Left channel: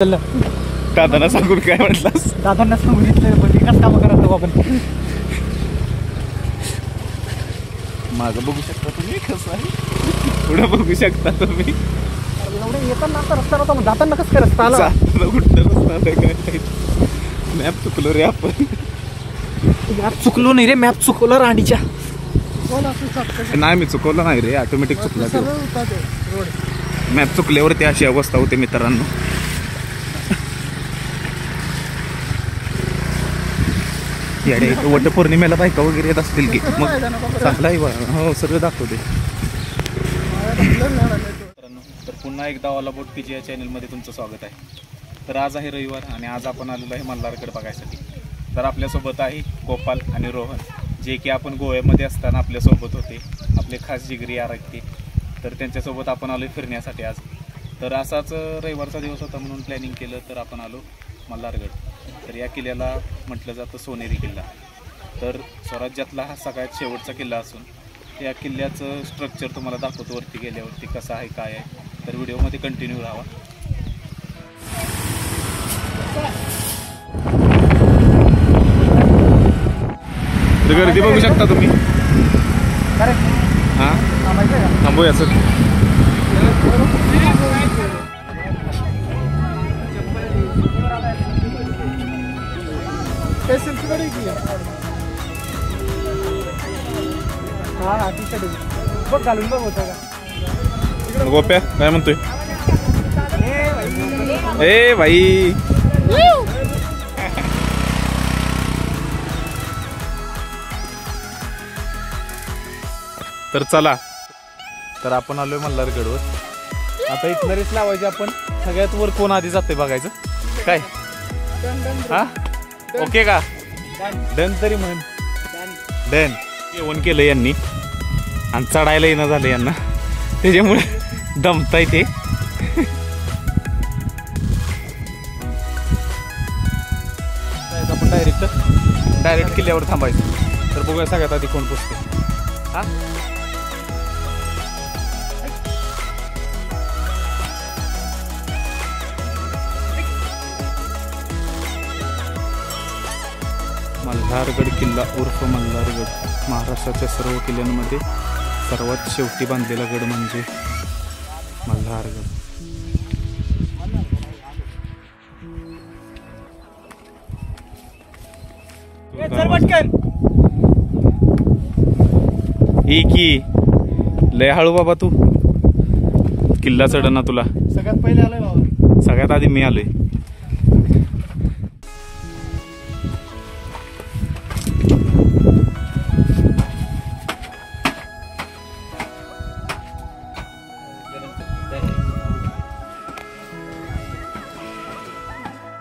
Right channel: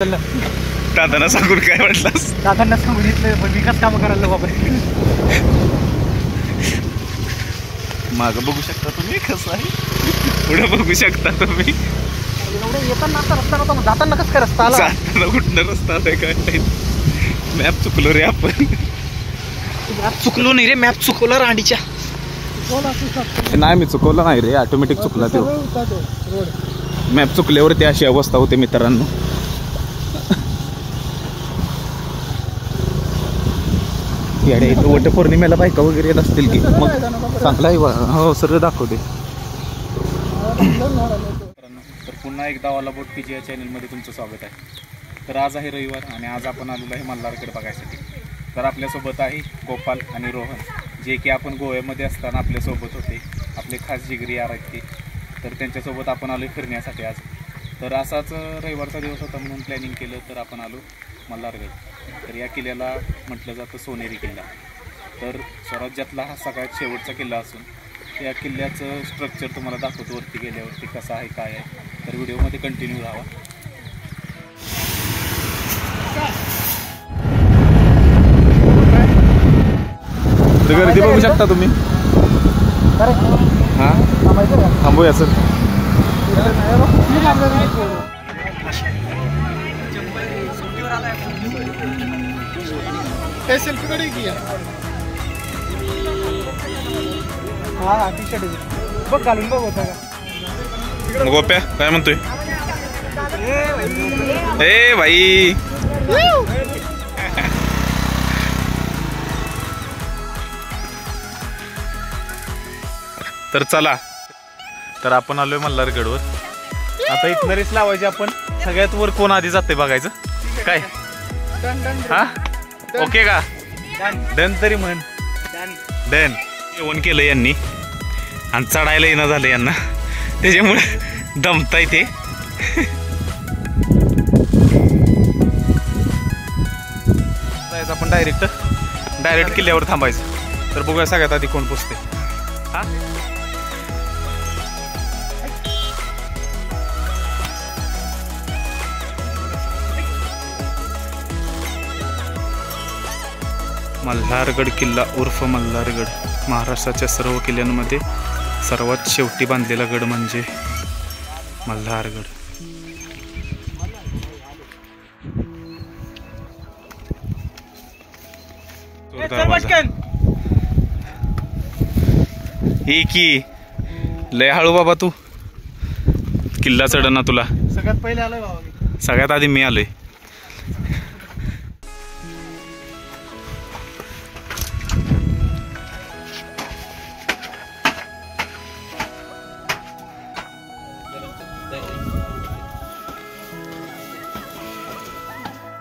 दादांना सांगून काय म्हटलास? दादांना सांगितलं विकास कामं करायला बाबा. मागं बघू शकता तुम्ही कसं आहे, पुढे बघू शकता तुम्ही. येताना रस्ता जाताना कसं काय रस्ता आला? जाताना कुठनं रस्ता आलाय काय माहित. मॅप चुकलो रे आपण. मॅप चुकलो नाही रे, मॅप चुकवला रांडीच्या. नाही मी चुकवलं नाही रे, ऑटोमॅटिक चुकला ते. मॅप चुकल्यावरती अशी अवस्था होते मित्रांनो. याडे वटपौर्णिमेला बायका वगैरे येत असतील की मग चांगला आहे. हो सगळं दाखवते. तर पुन्हा एकदा ऑल अबाउट पीजी या चॅनलमध्ये तुमचं स्वागत आहे. तर आज आहे रविवार आणि आज आपण आलेलो आहे मल्हारगड बघायसाठी. तर आपल्यासोबत आहे गोपाल आणि रोहन, जे की आपण गोव्यामध्ये असताना आपल्यासोबत होते, आपले खास जिगरी यार आहेत ते. तर त्यांच्यासोबत आपण आलो फिरण्यासाठी आज. तर असाच रविवारचा दिवस होता म्हणून प्लॅनिंग केलं, तर आपण आलो मल्हारगड. तर या किल्ल्याला म्हटलं जातं सोनेरी किल्ला. तर स्वराज्यातला हा सगळ्यात शेवटचा किल्ला असून या किल्ल्याचं स्ट्रक्चर तुम्हाला दाखवतो वरती गेल्यावरती कसं आहे काय आहे. तर व्हिडिओमध्ये कंटिन्यू राहा. तर गर्दी बघू शकता तुम्ही. हां थांबूया सर. गोप्या काय म्हणतोय? ए भाई तर चला, तर आपण आलोय मल्हारगडवर. आता इथनं रेस लावायची आपण. सगळ्यात वर कोण आधी जाते बघायचं काय. हा ओके का? डन तरी म्हण. डन. जेवण केलं यांनी आणि चढायला येणं झालं यांना, त्याच्यामुळे दमताय ते. आपण डायरेक्ट किल्ल्यावर थांबायचं. तर बघूया सगळ्यात आधी कोण पोचते. हा मल्हारगड किल्ला उर्फ मल्हारगड महाराष्ट्राच्या सर्व किल्ल्यांमध्ये सर्वात शेवटी बांधलेला गड म्हणजे मल्हारगड. ही की लय हळू बाबा तू. किल्ला चढना तुला. सगळ्यात पहिले आलो बाबा. सगळ्यात आधी मी आलोय.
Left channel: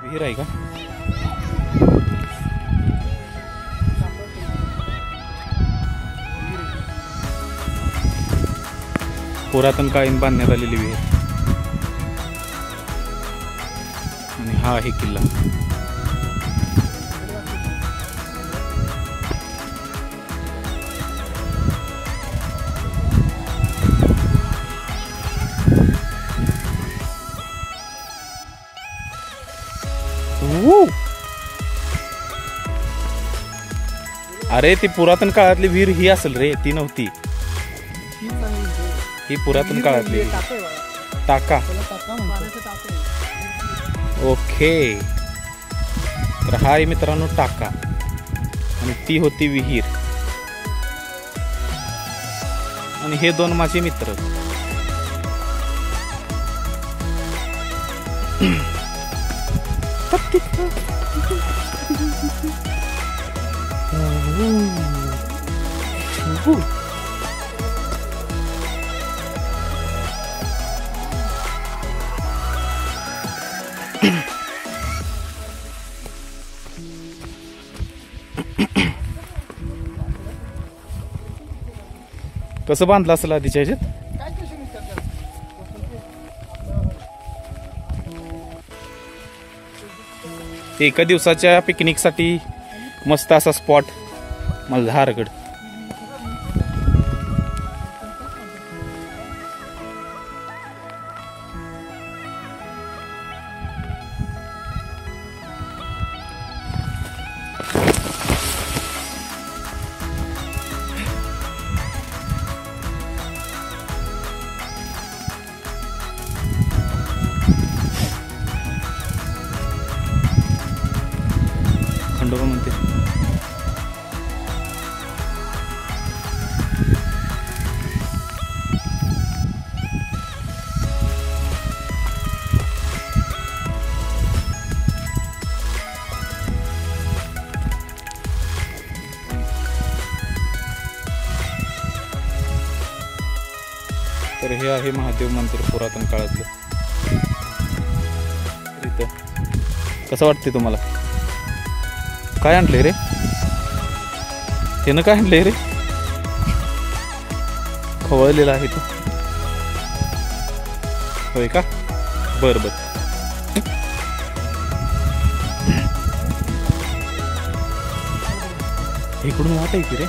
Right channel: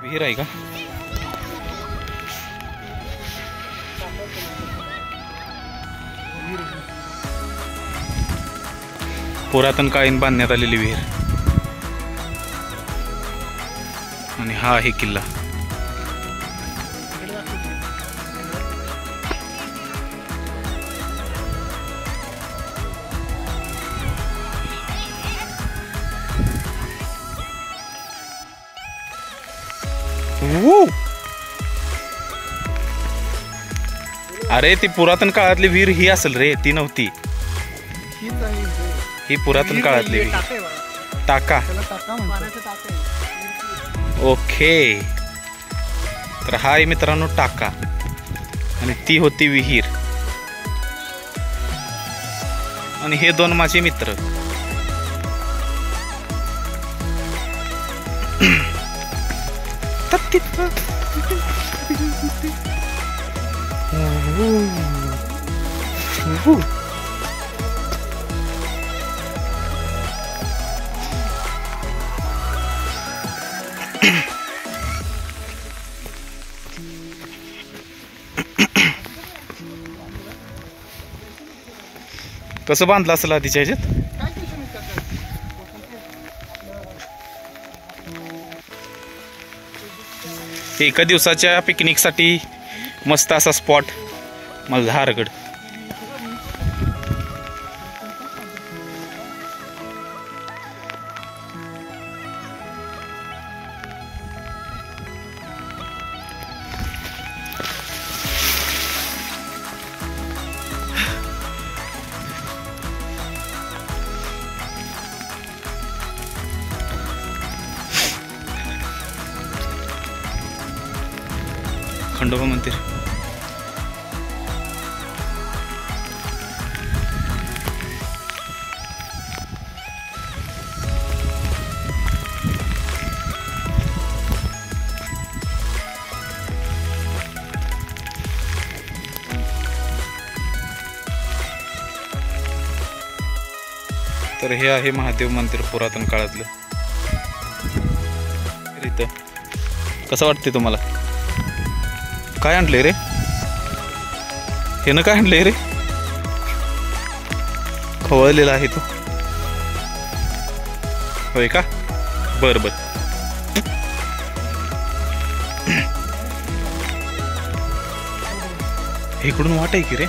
विहीर आहे का? पुरातन काळीन बांधण्यात आलेली विहीर. आणि हा आहे किल्ला. अरे ती पुरातन काळातली विहीर ही असेल रे, ती नव्हती. ही पुरातन काळातली टाका. ओके. तर हा आहे मित्रांनो टाका आणि ती होती विहीर. आणि हे दोन माझे मित्र. कसं बांधलं असेल आधीच्या ह्याच्यात. एका दिवसाच्या पिकनिकसाठी मस्त असा स्पॉट मल्हारगड. खंडोबा मंदिर. तर हे आहे महादेव मंदिर पुरातन काळातलं. इथं कसं वाटते तुम्हाला? काय आणलंय रे? हे ना काय आणलंय रे? खवळलेला आहे तो. होय का? बर बर. इकडून वाट आहे की रे?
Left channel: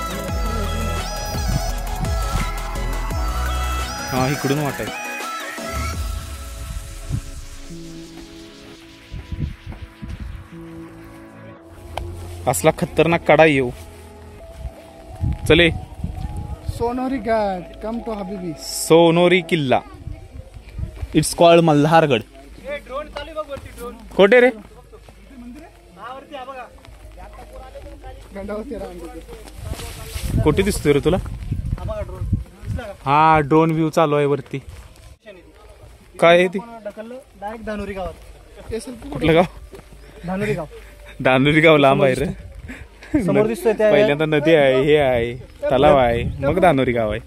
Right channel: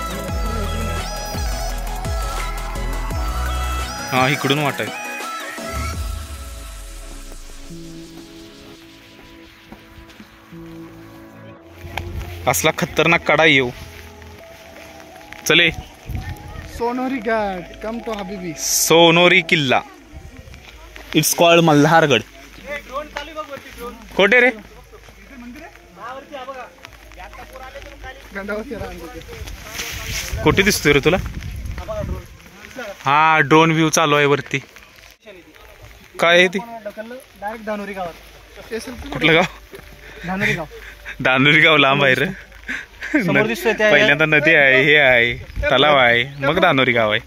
हा इकडून वाट आहे. असला खतरनाक कडा येऊ. चले. सोनोरी घाट कम टू हबीबी. सोनोरी किल्ला. It's called Malhargad. कोठे रे? कुठे दिसतोय रे तुला? हा ड्रोन व्ह्यू चालू आहे वरती. काय आहे ती? डायरेक्ट धानोरी गावात. कुठलं गाव? धानोरी गाव. धानोरी गाव लांब आहे रे. समोर दिसतोय त्या पहिल्यांदा नदी आहे, हे आहे, तलाव आहे, मग धानोरी गाव आहे.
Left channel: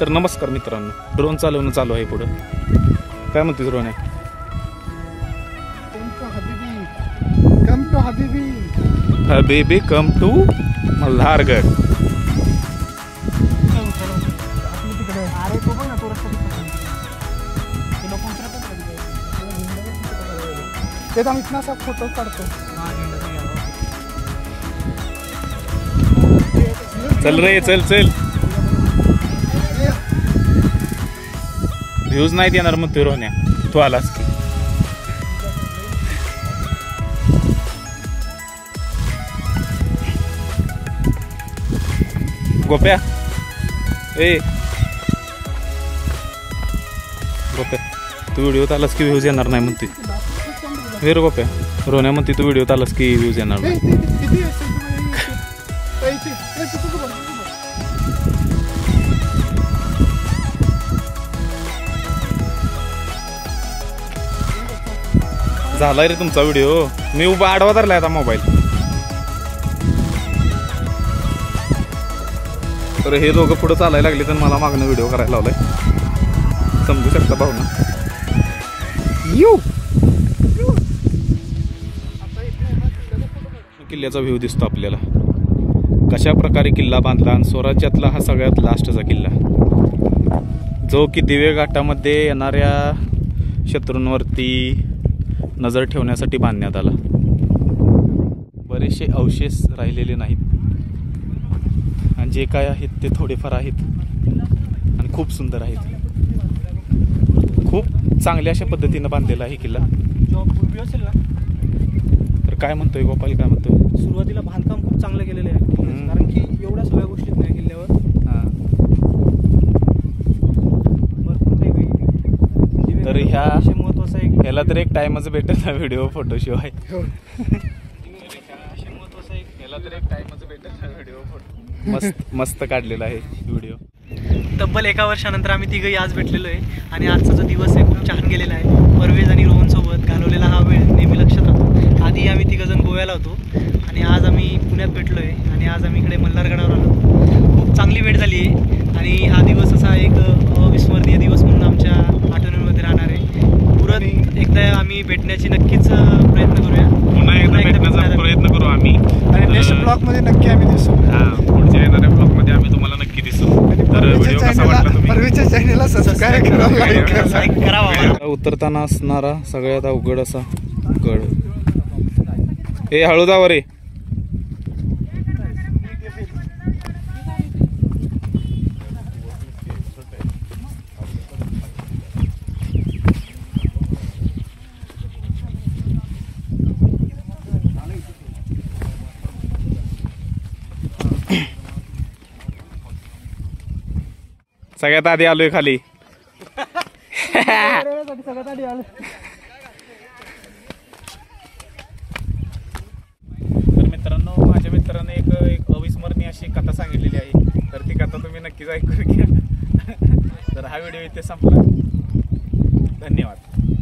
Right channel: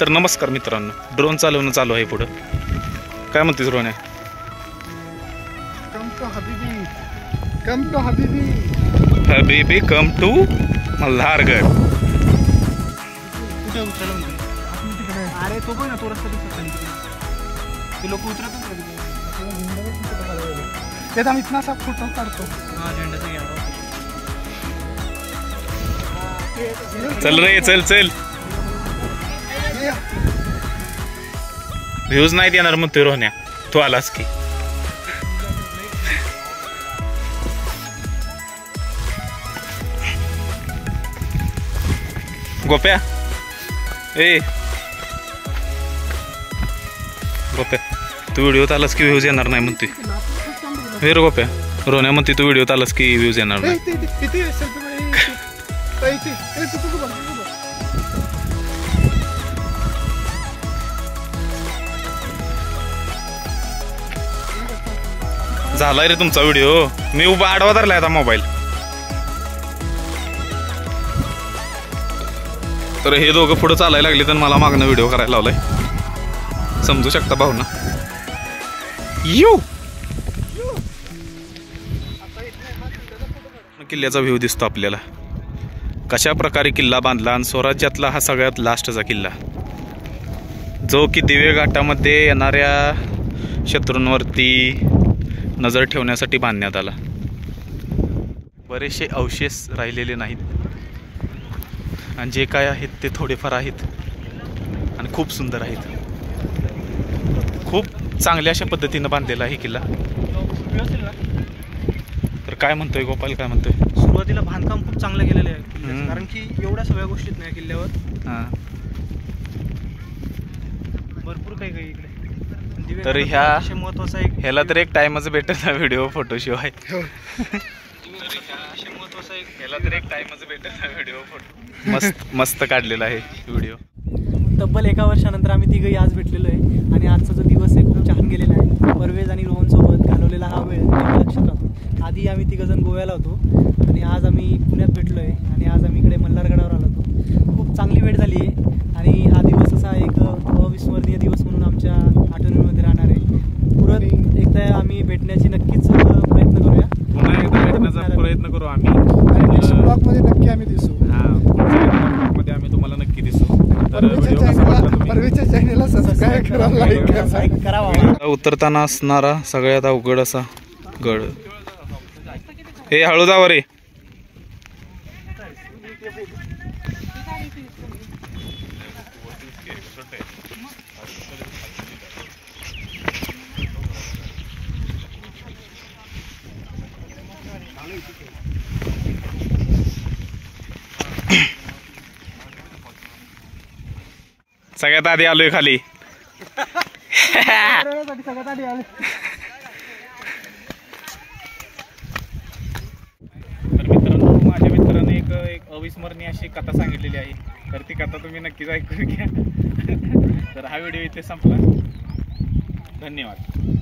तर नमस्कार मित्रांनो, ड्रोन चालवणं चालू आहे पुढं. काय म्हणतेस रोहन? कम टू हबीबी. कम टू हबीबी. हबीबी कम टू मल्हारगड. इतना सा फोटो काढतो. चल रे चल चल. व्ह्यूज नाहीत येणार मग ते रोहन्या. तू आलास की. गोप्या ए गोप्या तू व्हिडिओत आलास की व्ह्यूज येणार नाही म्हणते. हे रे गोप्या, रोहन्या म्हणते तू व्हिडिओत आलास की व्ह्यूज येणार नाही. झालाय रे तुमचा व्हिडिओ. मी उभा आडवा धरलाय आता मोबाईल. तर हे दोघं पुढे चालायला लागले तर मला मागणं व्हिडिओ करायला लावलाय. समजू शकता भावना. किल्ल्याचा व्ह्यू दिसतो आपल्याला. कशा प्रकारे किल्ला बांधला आणि स्वराज्यातला हा सगळ्यात लास्टचा किल्ला, जो की दिवे घाटामध्ये येणाऱ्या शत्रूंवरती नजर ठेवण्यासाठी बांधण्यात आला. बरेचसे अवशेष राहिलेले नाहीत आणि जे काय आहेत ते थोडेफार आहेत आणि खूप सुंदर आहेत. खूप चांगल्या अशा पद्धतीनं बांधलेला आहे किल्ला. तर काय म्हणतोय गोपाल, काय म्हणतोय? सुरुवातीला बांधकाम खूप चांगलं केलेलं आहे, कारण की एवढ्या सगळ्या गोष्टीत नाही किल्ल्यावर. भरपूर काही काही. तर ह्या महत्वाचा एक ह्याला तर एक टाइमच भेटत ना व्हिडिओ फोटो शिवाय. ह्याला तर एक टाइमच भेटत ना व्हिडिओ फोटो. मस्त मस्त काढलेला आहे व्हिडिओ. तब्बल 1 वर्षानंतर आम्ही तिघंही आज भेटलेलो आहे आणि आजचा जो दिवस आहे खूप छान गेलेला आहे. परवेज आणि रोहन सोबत घालवलेला हा वेळ नेहमी लक्षात राहतो. आधी आम्ही तिघंजण गोव्याला होतो आणि आज आम्ही पुण्यात भेटलो आहे आणि आज आम्ही इकडे मल्हारगडावर आलो. खूप चांगली वेळ झाली आहे आणि हा दिवस असा एक अविस्मरणीय दिवस म्हणून आमच्या आठवणीमध्ये राहणार आहे. परत एकदा आम्ही भेटण्याची नक्कीच प्रयत्न करूया. पुन्हा एकदा भेटण्याचा प्रयत्न करू आम्ही आणि नेक्स्ट ब्लॉगमध्ये नक्की आम्ही दिसू. पुढच्या येणाऱ्या ब्लॉगमध्ये आम्ही तुम्हाला नक्की दिसू. तर व्हिडिओ कसा वाटला तुम्ही? परवेच्या चॅनलला सबस्क्राइब करा. उतरताना असणारा सगळ्यात अवघड असा गड. हे हळू जावं रे. सगळ्यात आधी आलोय खाली. सगळ्यात आधी आले. तर मित्रांनो, माझ्या मित्राने एक अविस्मरणीय अशी कथा सांगितलेली आहे, तर ती कथा तुम्ही नक्कीच ऐकून घ्या. तर हा व्हिडिओ इथे संपला. धन्यवाद.